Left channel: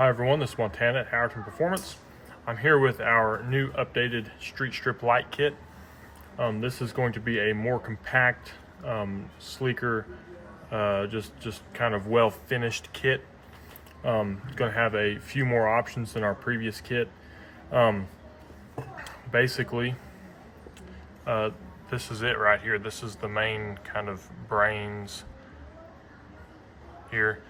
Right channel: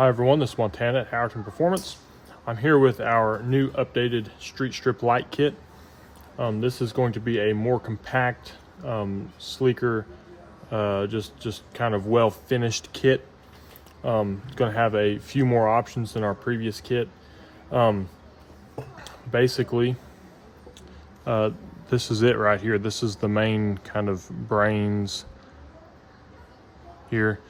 Hi everyone, this is Montana at Howerton Performance. I'm here with our new updated street strip light kit. This is going to be a more compact, sleeker, just kind of well finished kit. It's going to have a few more options than our previous kit. Basically, this is it right here. This is the main kind of brains here.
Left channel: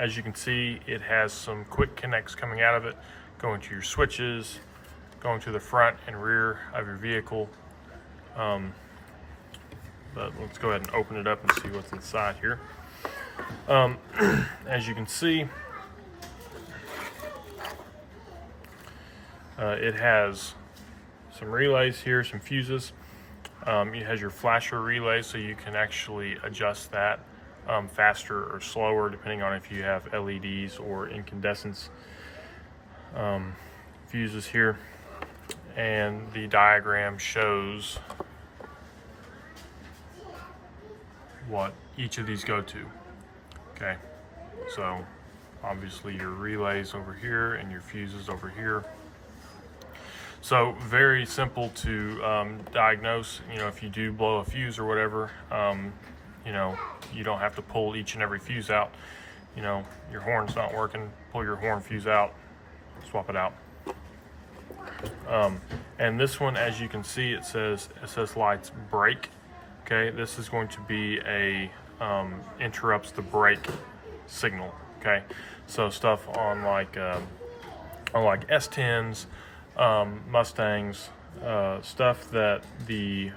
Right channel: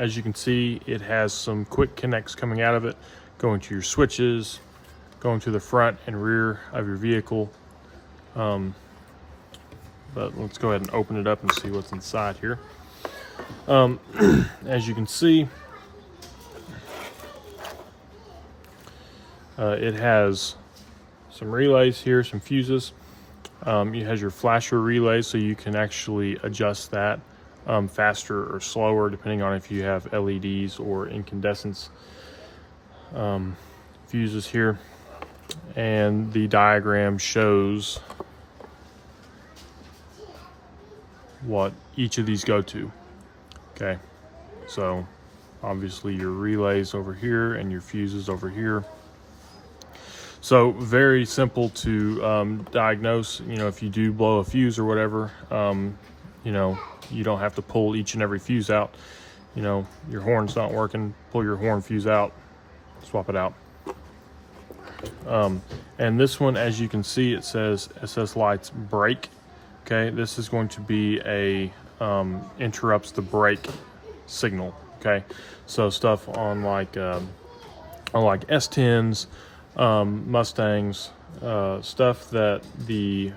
As you can see, it has some quick connects coming out of it, going to your switches, going to the front and rear of your vehicle. But let's go ahead and open it up and see what's inside here. As you can see, it has some relays here, some fuses. It has your flasher relay, so you can actually adjust that faster or slower depending on if you have LEDs or incandescents. Fuses here, and the diagram shows what each of these go to. Okay, so obviously your relays over here and your fuses over here. So very simple to diagnose. You know, if you do blow a fuse or whatever, you know, you don't have to pull each and every fuse out. You know, your horn's not working, pull your horn fuse out, swap it out. And this one, as you can see, it says lights brake. Okay, this is going to be a interrupts the brake signal. Okay, so stuff on like S10s, Mustangs, stuff that the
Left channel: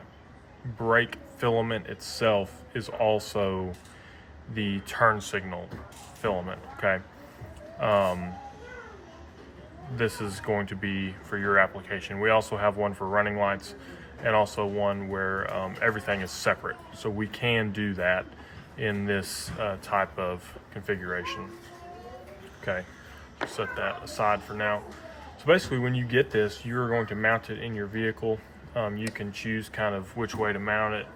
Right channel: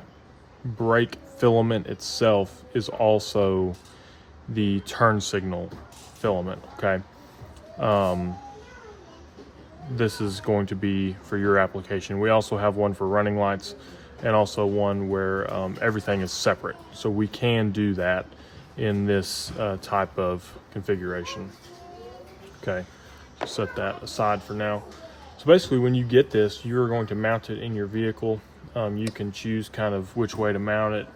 brake filament itself is also the turn signal filament. Okay, this is going to be for your application. We also have one for running lights, and also one where everything is separate, so we can do that in this type of configuration. Okay, set that aside for now. So basically, when you get this, you're going to mount it in your vehicle. You can choose kind of which way to mount it,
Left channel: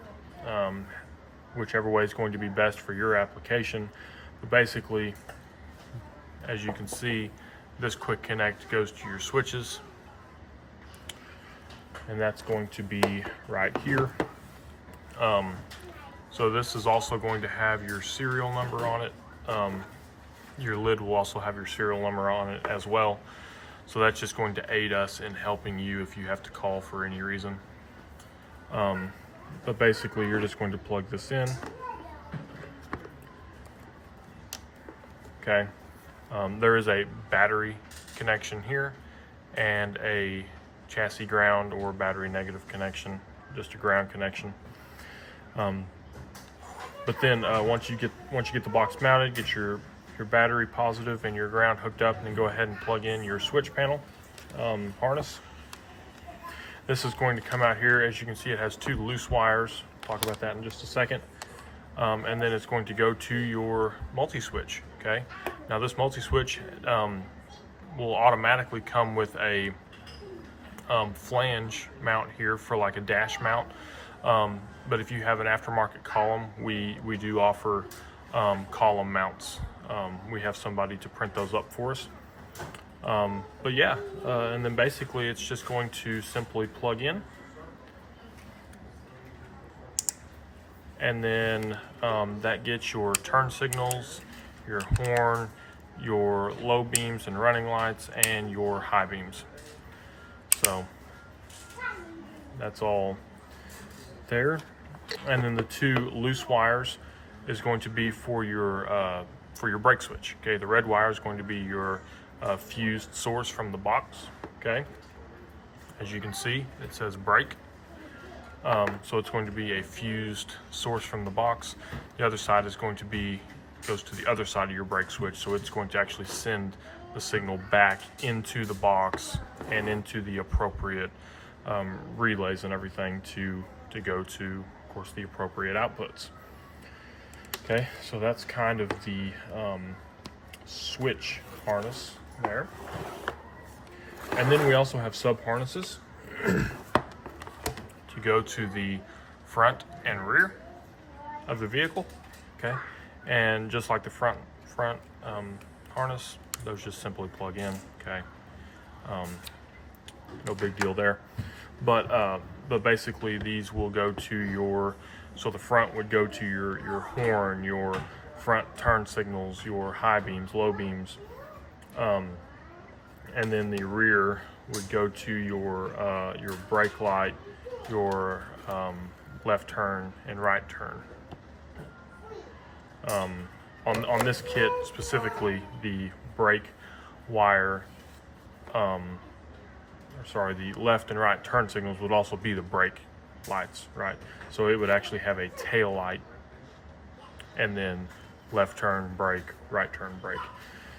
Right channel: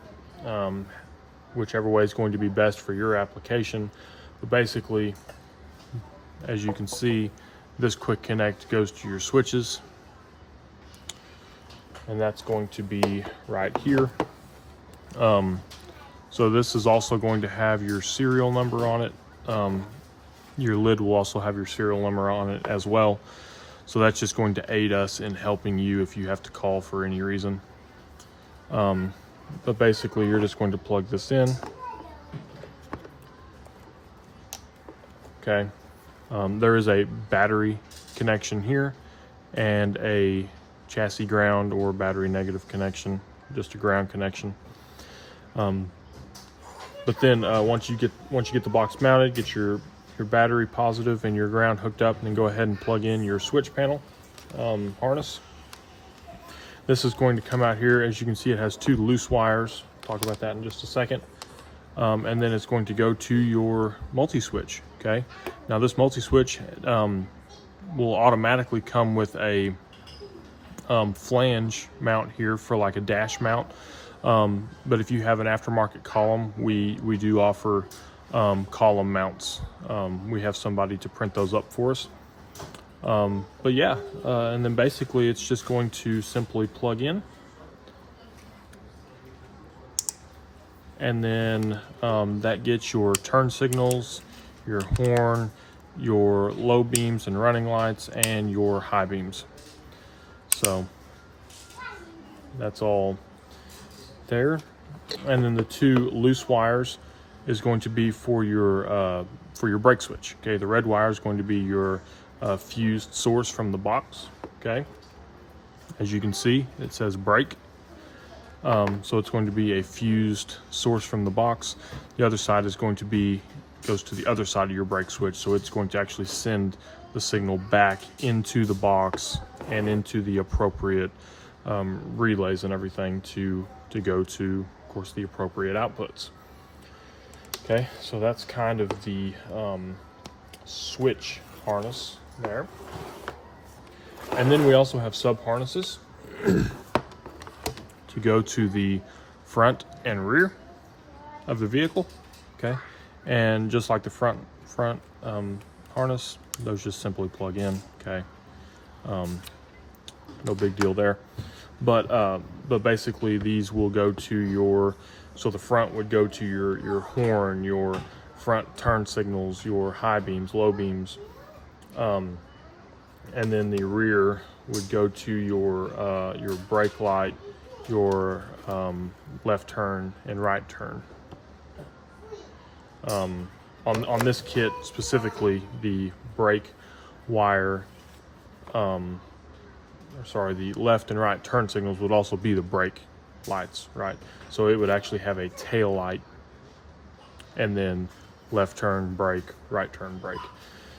whichever way is going to be best for your application. But basically, as you can see, this quick connect goes to your switches, and that's going to be right here. So this is also going to have your serial number on it. Your lid will also have your serial number on it as well. So that's just going to aid us in helping you if you have to call for any reason. But basically, you're just going to plug this in. Okay. There is a battery connection here and a chassis ground or battery negative connection, just a ground connection. But then once you get the box mounted, get your battery positive and your ground hooked up, and then go ahead and plug in your switch panel harness. This is going to come out here. As you can see, it has two loose wires. I'll talk about that in just a second. And then it's going to go to your multi-switch. Okay, now this multi-switch will automatically come with a flange mount here for like a dash mount. But if you have an aftermarket column, we do offer column mounts. We have somebody to print those up for us. But yeah, and then basically it's just going to simply plug in, and then that gets your turn signals, your horn, your low beams and running lights, and your high beams. So that's all there. And then the two loose wires is going to be for your brake switch. Okay, the red wire is going to be your fused source from the box. Okay, as you can see, it says brake. So it's going to be a fused source from the box. The other side is going to goes to the other side of your brake switch, so it's going to actually send the signal back into the box and into the appropriate relays and everything to go to, of course, the appropriate outputs. Okay, so that's kind of the switch harness there. And then we also have sub harnesses to go to the front and rear of the vehicle. Okay, and just like the front harness, those just simply plug in. Okay, no big deal there. But basically these will go to your, so the front would go to your horn, your front turn signals, your high beams, low beams, and then the rear would go to your brake light, your left turn and right turn. On this kit specifically, the brake wire, the left and right turn signals would also be the brake lights, right? So it would actually have a tail light, and then left turn brake, right turn brake.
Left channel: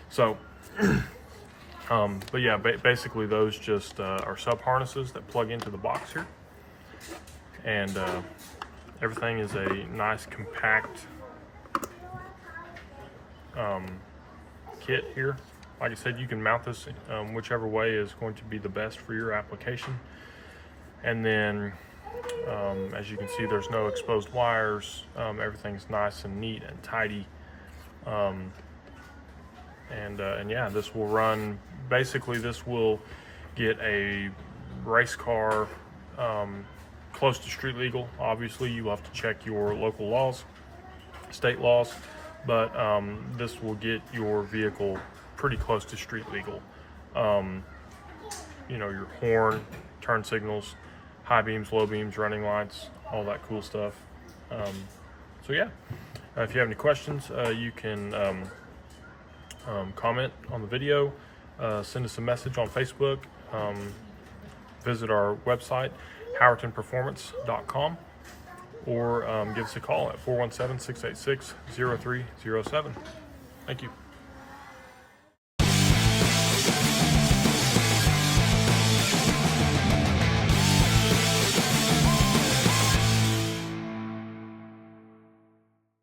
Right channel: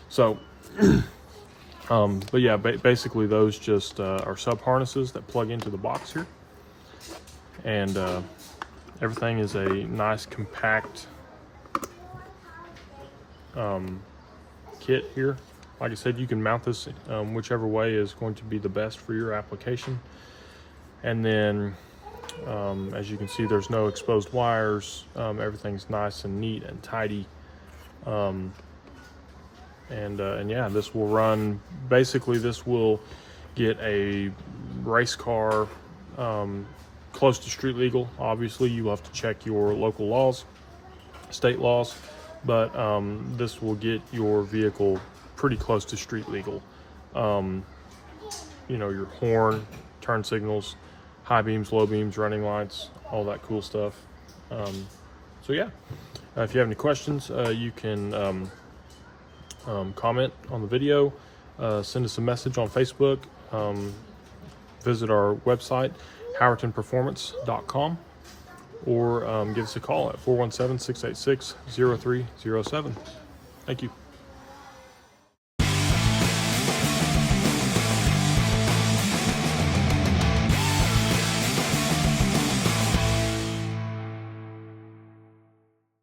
So, but yeah, basically those just are sub harnesses that plug into the box here, and everything is a nice compact kit here. Like I said, you can mount this whichever way is going to be the best for your application. And then as you can see, there's no exposed wires. Everything's nice and neat and tidy. And yeah, this will run, basically this will get a race car close to street legal. Obviously you have to check your local laws, state laws, but this will get your vehicle pretty close to street legal. You know, your horn, turn signals, high beams, low beams, running lights, all that cool stuff. So yeah, if you have any questions, you can comment on the video, send us a message on Facebook, visit our website, howertonperformance.com, or give us a call at 417-686-0307. Thank you.